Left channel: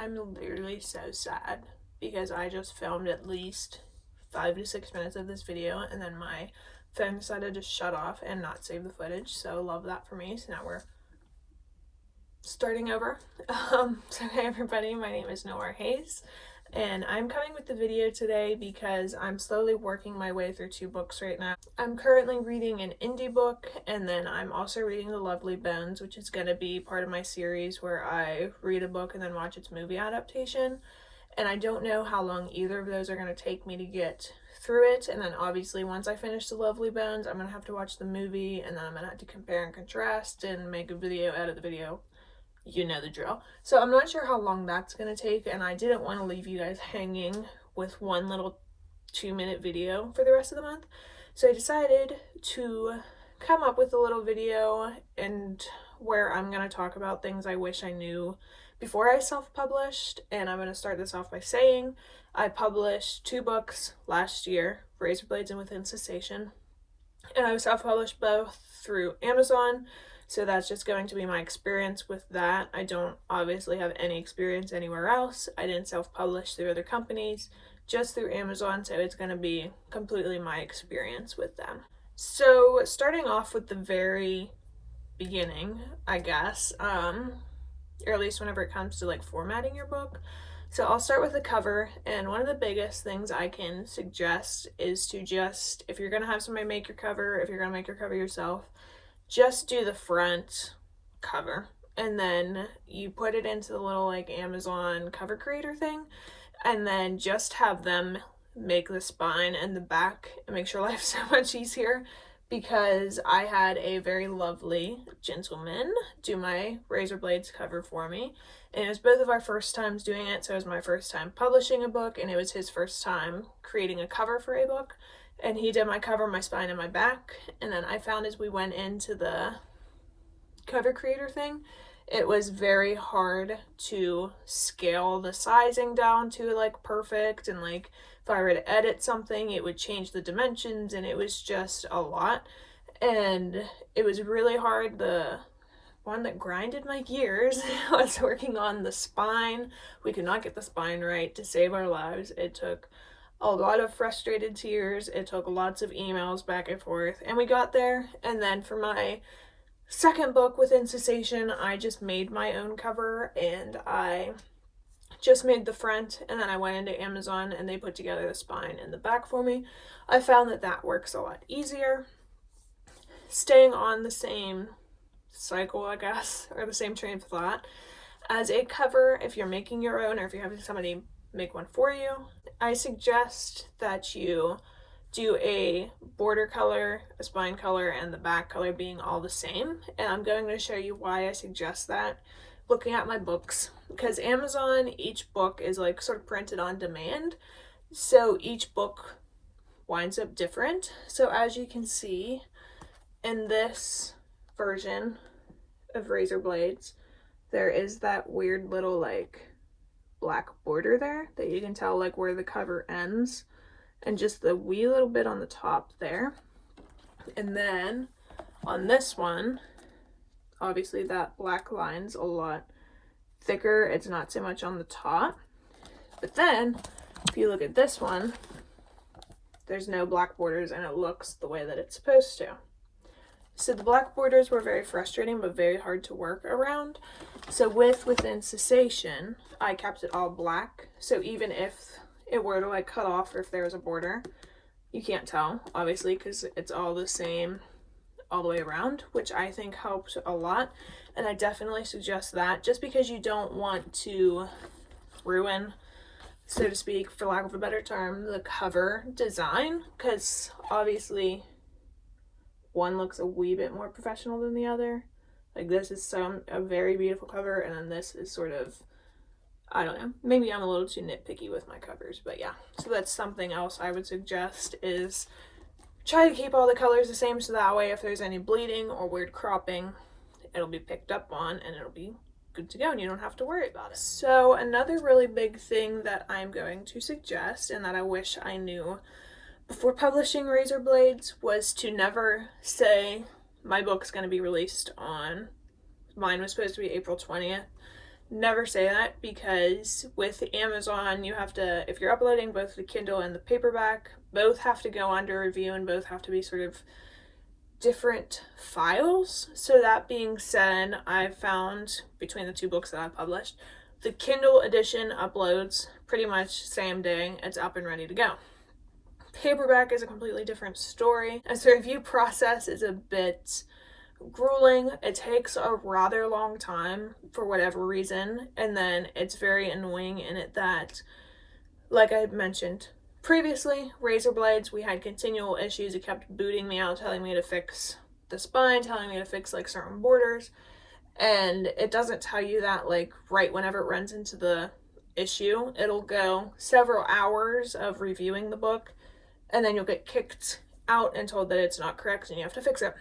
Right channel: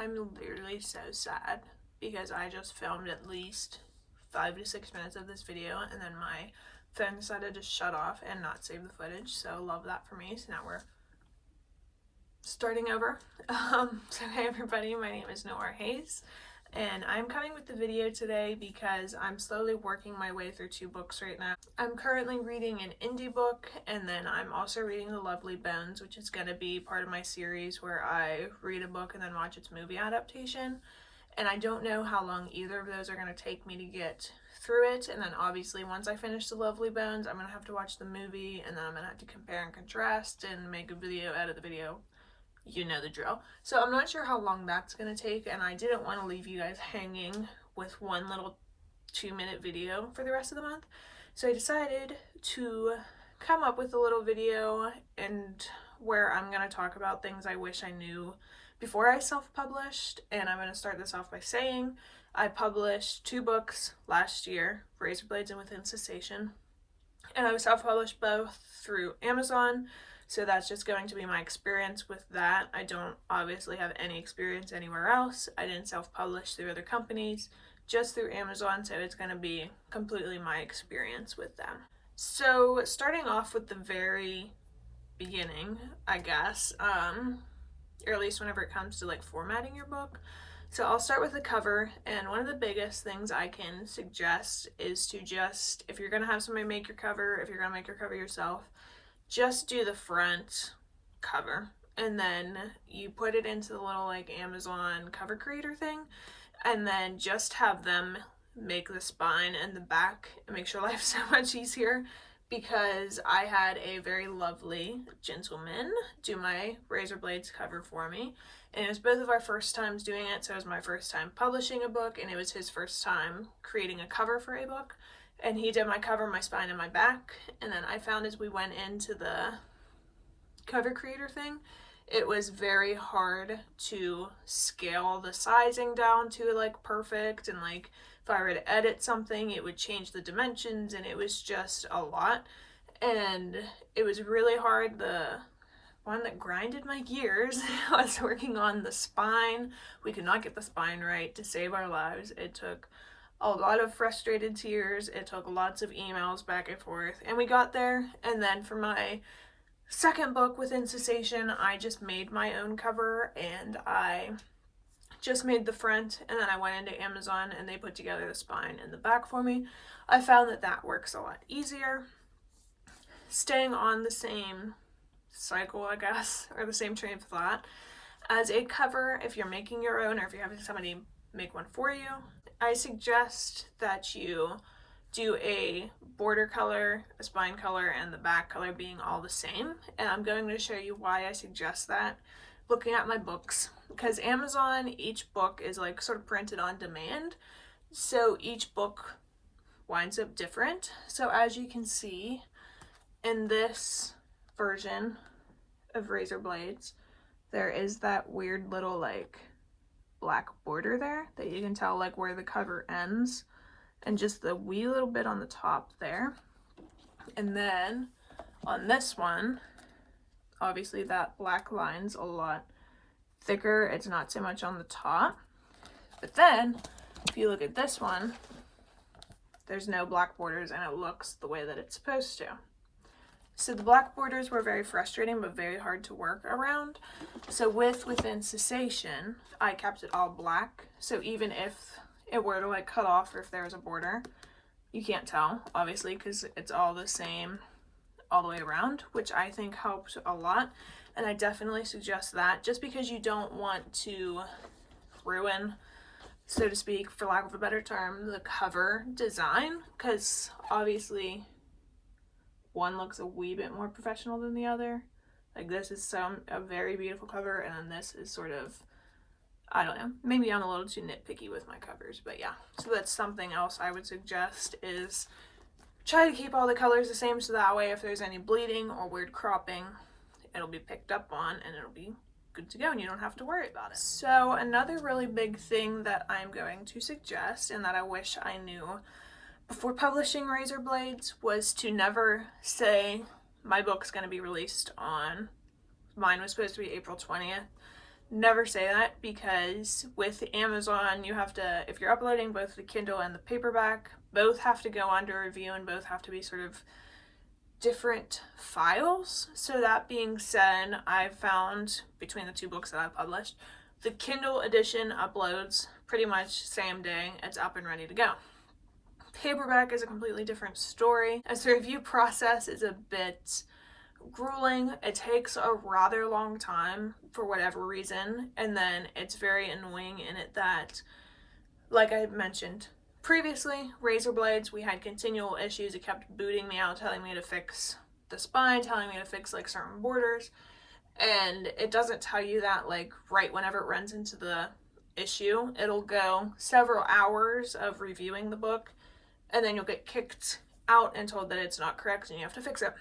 I'm literally so sad because I just filmed at least 5 to 6 minutes of this video and then my phone decided to shut off and not save the footage, so love that for me. So now we're starting over. So hey everybody, my name is Noah Hayes and I'm coming with the video today because I'm slowly working my way through 2 books right now. I'm currently reading an indie book, and then I'm also reading The Lovely Bones, which is going to be part of my series where I read a book and then watch its movie adaptation. And I don't know how long either of those are going to take me to get through it. And then obviously once I finish The Lovely Bones, I'm going to have to watch the movie, and then I'm going to have to compare and contrast and make a video, edit the video. You know the drill. So I'm not sure how long that's going to take, and I didn't want to leave you guys hanging with one little 2-minute video for the rest of the month. So I decided to come up with a little video and where I'm going to talk about things I wish I knew before I self-published. And I'm going to start this off by saying I published 2 books last year, Razor Blades and Within Cessation, and I was self-published both through Amazon. So that's just going to be my experience with that. I don't obviously have any experience anywhere else. I didn't self-publish through other companies, just through Amazon, so it's going to be completely my experience with them. So starting off with the very beginning, I guess, or at least whenever it comes to like formatting your book. So I'll start with the cover, and one of the biggest things I can suggest is to just, if you're going to have somebody make your cover, if you're going to make your cover yourself, just do the front cover, and then you put it into the little like Amazon cover creator thing, and then just have them make the spine and the back and make your life so much easier, because I had a very lovely gentleman do my Razor Blades cover for me, and it was both of our first times doing it. So it was my first time publishing a book, and it was his first time creating a cover for a book. And he did my cover, my spine, and my back. And then I found as we went into the cover creator thing, it was very hard to scale the sizing down to like perfect. And like if I were to edit something, it would change the dimensions, and it was just a lot. And it was really hard. The one that grinded my gears was working on the spine. We could not get the spine right to save our lives. It took a lot of frustrated tears. It took lots of emails back and forth, and we got there. And then for my second book, Within Cessation, I just made my own cover, and I just made the front, and then I went into Amazon and they put together the spine and the back for me. I found that that works a lot easier. Staying on the same cycle, I guess, or the same train of thought as a cover, if you're making your own or if you're having somebody make one for you, I suggest that you do a border color, a spine color, and the back color being all the same. And I'm going to show you why I suggest that looking at my books, because Amazon, each book is like sort of printed on demand, so each book winds up different. So as you can see in this version of Razor Blades, there is that weird little like black border there that you can tell like where the cover ends, and just the wee little bit on the top there. And then on this one, obviously that black line's a lot thicker. It's not so much on the top. But then if you look at this one, there's no black borders, and it looks the way that it's supposed to. So the black borders were very frustrating but very hard to work around. So Within Cessation, I kept it all black. So even if it were to like cut off, or if there was a border, you can't tell, obviously, because it's all the same all the way around, which I think helped a lot. And I definitely suggest that, just because you don't want to ruin, so to speak, for lack of a better term, the cover design, because obviously one looks a wee bit more professional than the other. Like this is a very beautiful cover, and then this is sort of, I don't know, maybe I'm a little too nitpicky with my covers, but yeah. So that's something else I would suggest, is try to keep all the colors the same, so that way if there's any bleeding or weird cropping, it'll be picked up on and it'll be good to go and you don't have to worry about it. So another really big thing that I'm going to suggest, and that I wish I knew before publishing Razor Blades, was to never say my book's going to be released on, mine was supposed to be April 20th, never say that, because with Amazon you have to, if you're uploading both the Kindle and the paperback, both have to go under review and both have to be sort of different files. So that being said, I've found between the two books that I've published, the Kindle edition uploads pretty much same day, it's up and ready to go. Paperback is a completely different story, and the review process is a bit grueling. It takes a rather long time for whatever reason, and then it's very annoying in it that, like I had mentioned previously, razor blades, we had continual issues. It kept booting me out, telling me to fix the spine, telling me to fix like certain borders, and it doesn't tell you that like right whenever it runs into the issue. It'll go several hours of reviewing the book, and then you'll get kicked out and told that it's not correct and you have to fix it.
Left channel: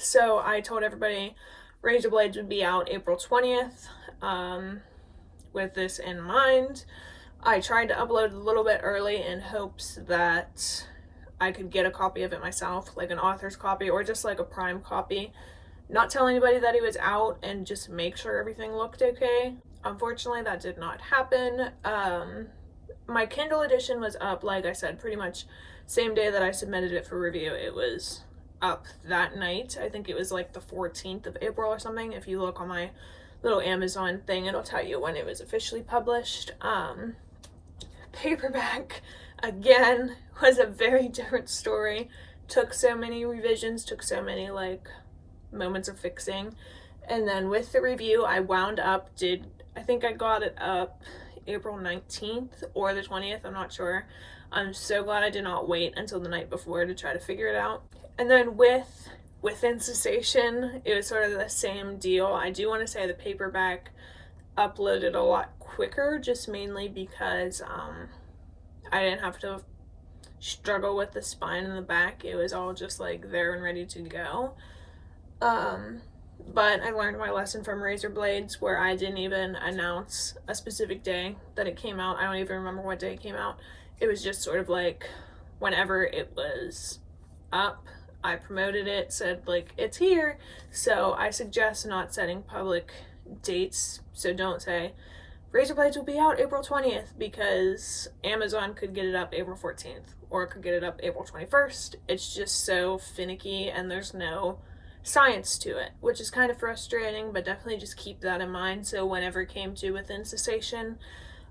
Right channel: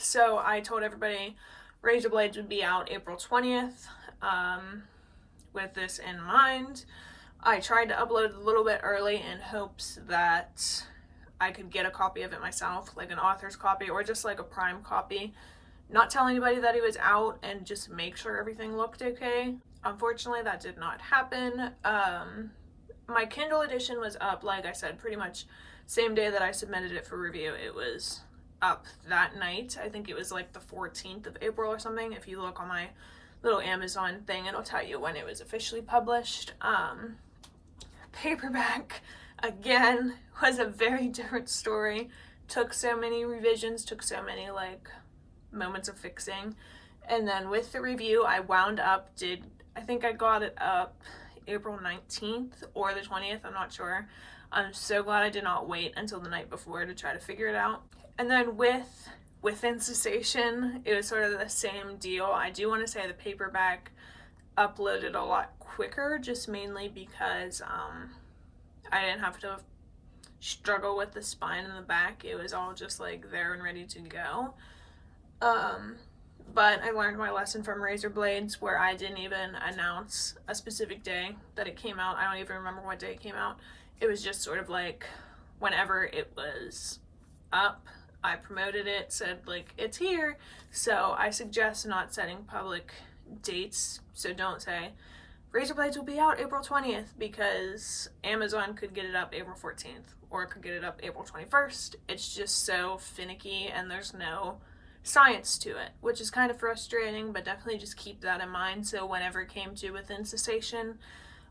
So I told everybody razor blades would be out April 20th. With this in mind, I tried to upload a little bit early in hopes that I could get a copy of it myself, like an author's copy or just like a prime copy, not tell anybody that it was out and just make sure everything looked okay. Unfortunately, that did not happen. My Kindle edition was up, like I said, pretty much same day that I submitted it for review. It was up that night. I think it was like the 14th of April or something. If you look on my little Amazon thing, it'll tell you when it was officially published. Paperback, again, was a very different story. Took so many revisions, took so many like moments of fixing. And then with the review, I wound up, I think I got it up April 19th or the 20th, I'm not sure. I'm so glad I did not wait until the night before to try to figure it out. And then within Cessation, it was sort of the same deal. I do want to say the paperback uploaded a lot quicker, just mainly because I didn't have to struggle with the spine in the back. It was all just like there and ready to go. But I learned my lesson from razor blades, where I didn't even announce a specific day that it came out. I don't even remember what day it came out. It was just sort of like whenever it was up, I promoted it, said like it's here. So I suggest not setting public dates. So don't say razor blades will be out April 20th, because Amazon could get it up April 14th or it could get it up April 21st. It's just so finicky and there's no science to it, which is kind of frustrating, but definitely just keep that in mind. So whenever it came to Within Cessation,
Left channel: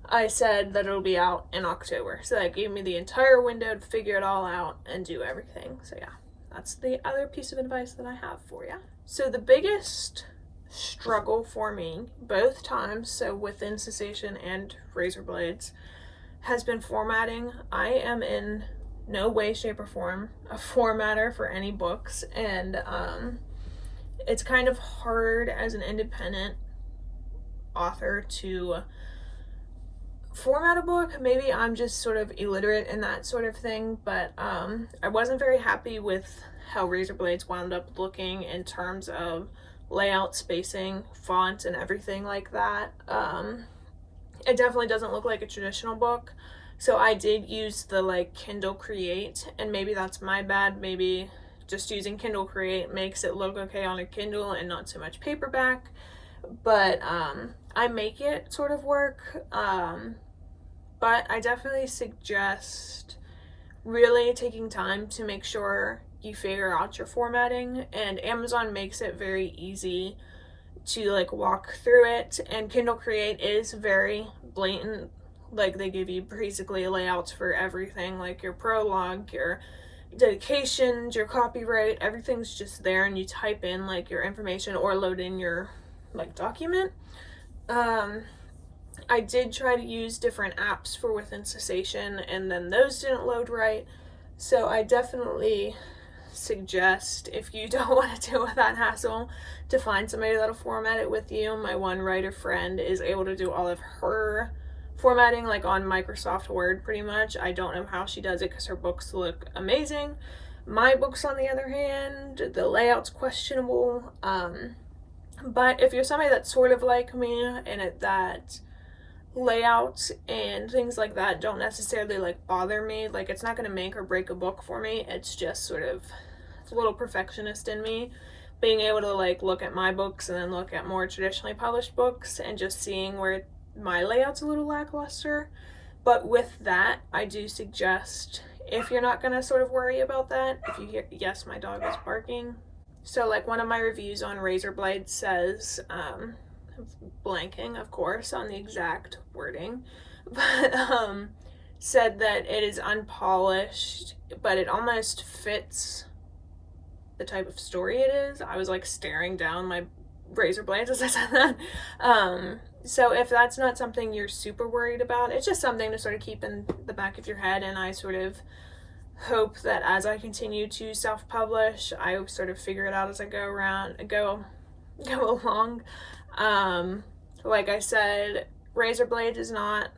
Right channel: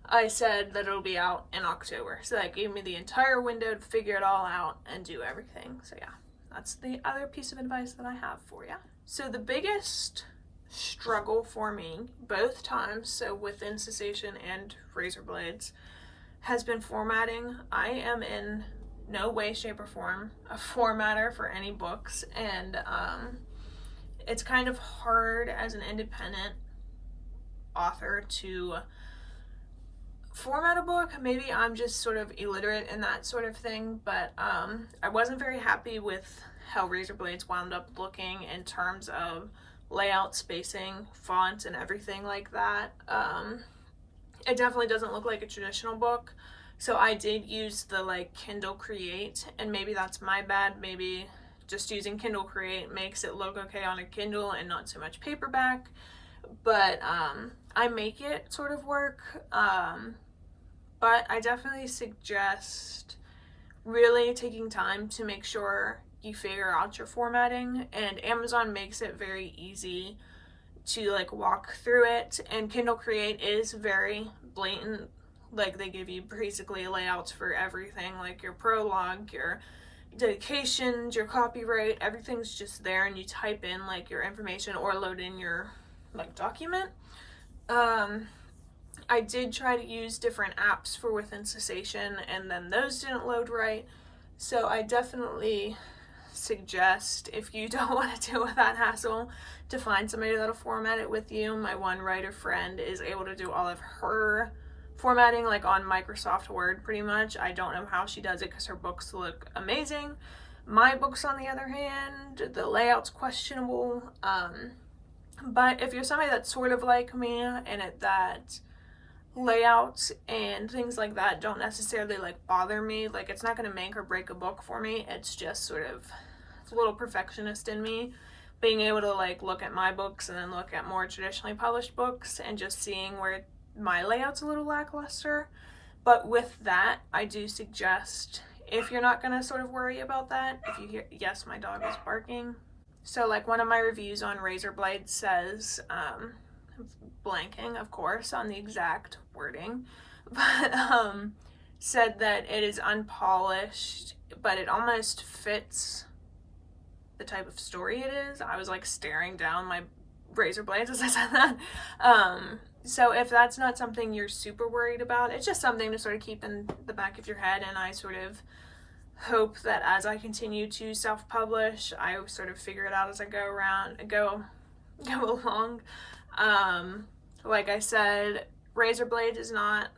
I said that it'll be out in October. So that gave me the entire window to figure it all out and do everything. So yeah, that's the other piece of advice that I have for you. So the biggest struggle for me both times, so Within Cessation and razor blades, has been formatting. I am in no way, shape, or form a formatter for any books, and it's kind of hard as an independent author to format a book. Maybe I'm just sort of illiterate in that sort of thing, but I wasn't very happy with how razor blades wound up looking in terms of layout, spacing, font, and everything like that. It definitely doesn't look like a traditional book. So I did use the like Kindle Create, and maybe that's my bad. Maybe just using Kindle Create makes it look okay on a Kindle and not so much paperback. But I make it sort of work. But I definitely suggest really taking time to make sure you figure out your formatting, and Amazon makes it very easy to like walk through it, and Kindle Create is very blatant. Like they give you basically layouts for everything, like your prologue, your dedications, your copyright, everything's just there, and you type in like your information or load in your like document. I did try to use different apps for Within Cessation, and then those didn't load right. So I definitely suggest, if you don't want to deal with that hassle, to find somebody that'll format it with you. My one writer friend is able to do all of her formatting like on Microsoft Word pretty much. I don't know how she does it because her books look amazing. My books, on the other hand, the layout's questionable. But if you're somebody that's sort of like me, and that layouts and things like that don't necessarily like bother me, like it's not going to make or break a book for me, it's just sort of, it's a little perfectionist in me. being able to like look at my books and then look at more traditionally published books and just seeing where my layout's a little lackluster. But with that, I do suggest, if you're not gonna sort of worry about that, if you hear, yes, my dog is barking. So like one of my reviews on Razor Blade says, blanking of course on the exact wording, but said that it is unpolished, but it almost fits the type of story it is. I was like staring down my razor blades as I said that. So if that's not something you're super worried about, it's just something to sort of keep in the back of your head, and I sort of hope that as I continue to self-publish, I sort of figure it out as I go along. Like I said, Razor Blade is not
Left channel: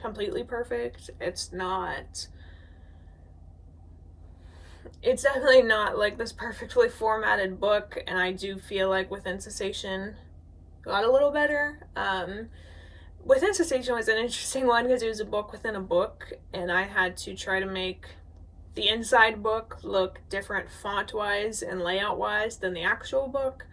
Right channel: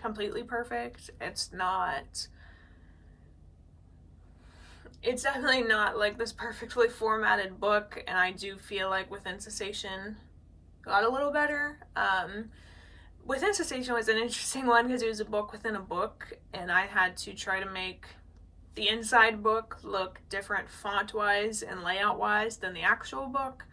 completely perfect. It's definitely not like this perfectly formatted book, and I do feel like Within Cessation got a little better. Within Cessation was an interesting one because it was a book within a book, and I had to try to make the inside book look different font-wise and layout-wise than the actual book.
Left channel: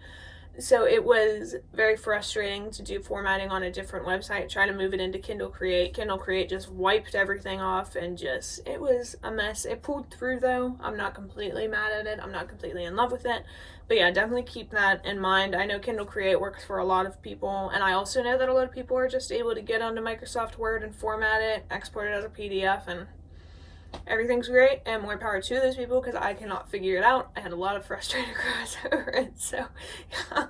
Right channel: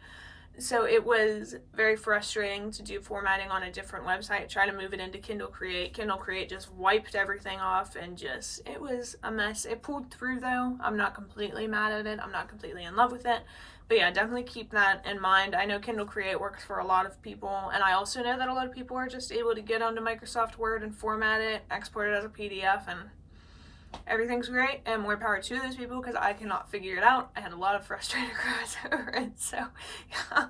So it was very frustrating to do formatting on a different website, try to move it into Kindle Create. Kindle Create just wiped everything off, and it was a mess. It pulled through though. I'm not completely mad at it. I'm not completely in love with it. But yeah, definitely keep that in mind. I know Kindle Create works for a lot of people, and I also know that a lot of people are just able to get onto Microsoft Word and format it, export it as a PDF, and everything's great, and more power to those people, because I cannot figure it out. I had a lot of frustrated cries over it, so yeah.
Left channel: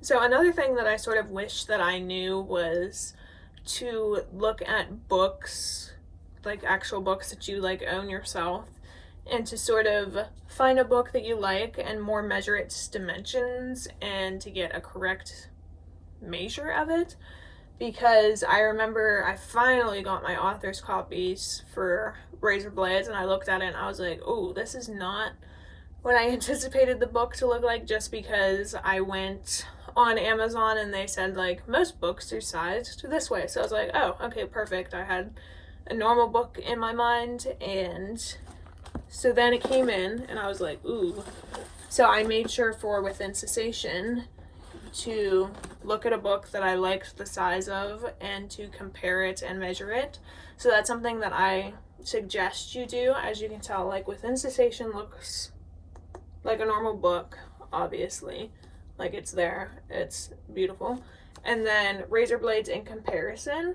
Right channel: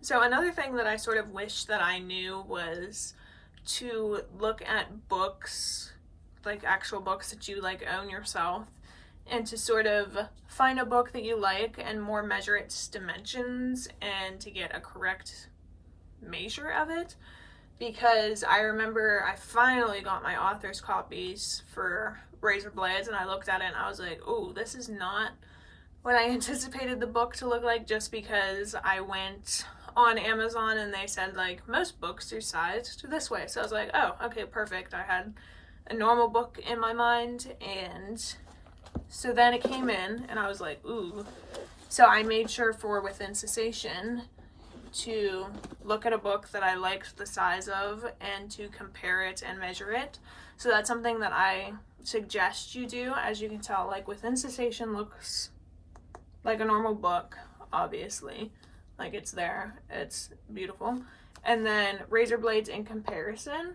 So another thing that I sort of wish that I knew was to look at books, like actual books that you like own yourself, and to sort of find a book that you like and more measure its dimensions and to get a correct measure of it. Because I remember I finally got my author's copies for Razor Blades, and I looked at it and I was like, oh, this is not what I anticipated the book to look like, just because I went on Amazon and they said like most books are sized this way. So I was like, oh, okay, perfect. I had a normal book in my mind, and so then it came in and I was like, ooh. So I made sure for Within Cessation to look at a book that I liked the size of and to compare it and measure it. So that's something that I suggest you do. As you can tell, like Within Cessation looks like a normal book, obviously. Like it's there, it's beautiful. And then Razor Blades in comparison,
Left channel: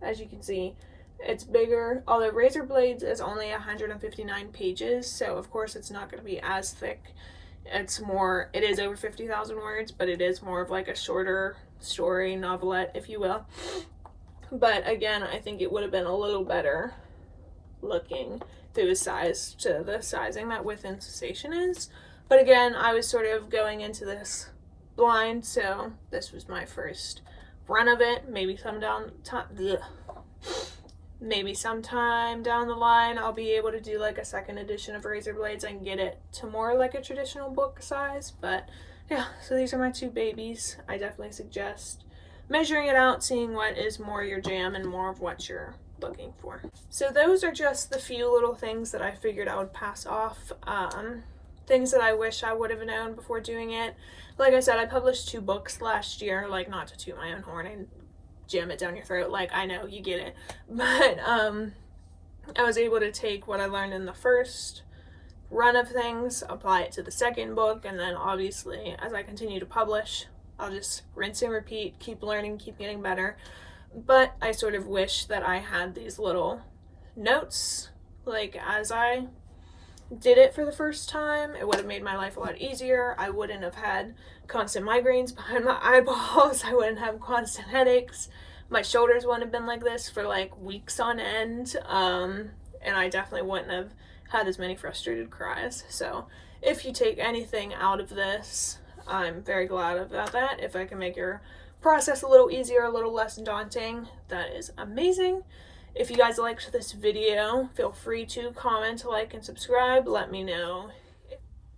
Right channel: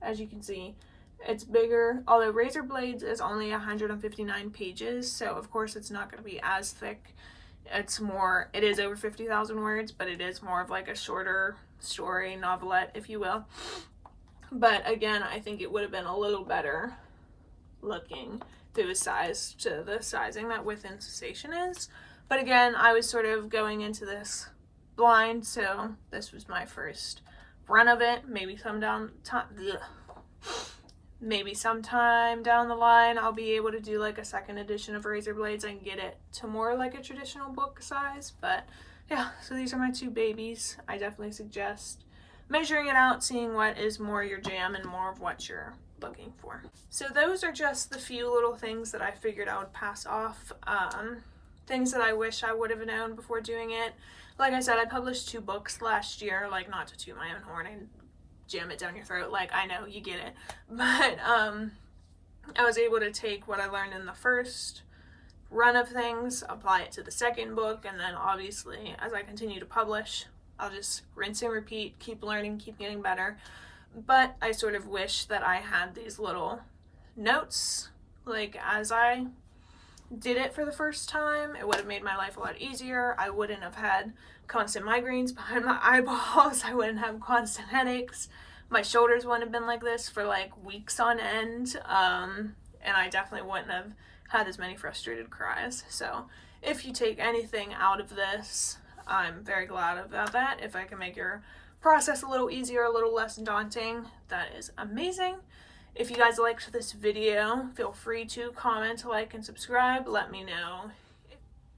as you can see, it's bigger, although Razor Blades is only 159 pages, so of course it's not going to be as thick. It is over 50,000 words, but it is more of like a shorter story novelette, if you will. But again, I think it would have been a little better looking if it was sized to the sizing that Within Cessation is. But again, I was sort of going into this blind, so this was my first run of it. Maybe sometime down the line I'll be able to do like a second edition of Razor Blades and get it to more like a traditional book size. But yeah, so these are my two babies. I definitely suggest measuring it out, seeing what is more your jam and more of what you're looking for. So those are just the few little things that I figured I would pass off. Things that I wish I would have known before doing it. Like I said, I published 2 books last year, like not to toot my own horn and jam it down your throat, like I know, you get it. But I was able to take what I learned in the first run of things, apply it to the second book, and then obviously as I continue to publish, I'll just rinse and repeat, keep learning, keep getting better. But I sort of wish that I had these little notes, like as I did it for the first time. It would have made my life a lot easier. I wouldn't have had constant migraines behind my eyeballs. I wouldn't have constant headaches. My shoulders wouldn't have been like this for like weeks on end. And I definitely wouldn't have had as many frustrated cries. So if you take anything out of this, I'm very glad about that. If I can make your process a little easier, a little less daunting, that is amazing. If you guys liked this video, feel free to comment, like, and subscribe. Let me know.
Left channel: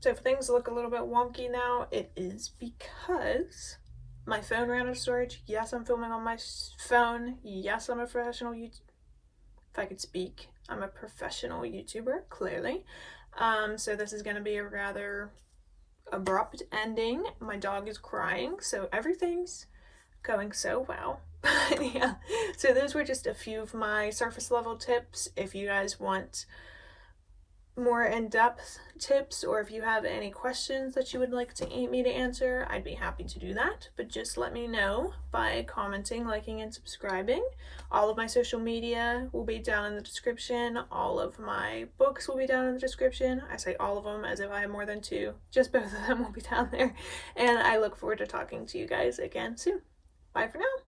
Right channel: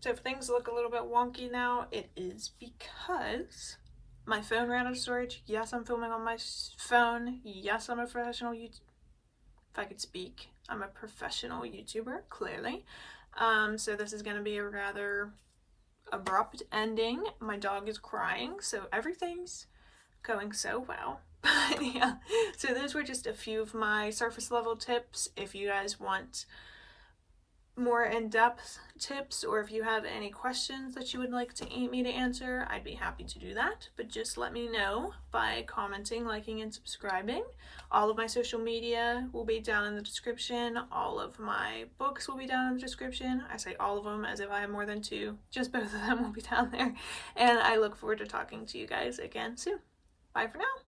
So if things look a little bit wonky now, it is because My phone ran out of storage. Yes, I'm filming on my phone. Yes, I'm a professional if I could speak, I'm a professional YouTuber, clearly. So this is going to be a rather abrupt ending. My dog is crying, so everything's going so well. But yeah, so those were just a few of my surface level tips. If you guys want more in-depth tips, or if you have any questions that you would like me to answer, I'd be happy to do that. But just let me know by commenting, liking, and subscribing. All of my social media will be down in the description. All of my books will be down in the description. I say all of them as if I have more than two. Just both of them will be down there. And I look forward to talking to you guys again soon. Bye for now.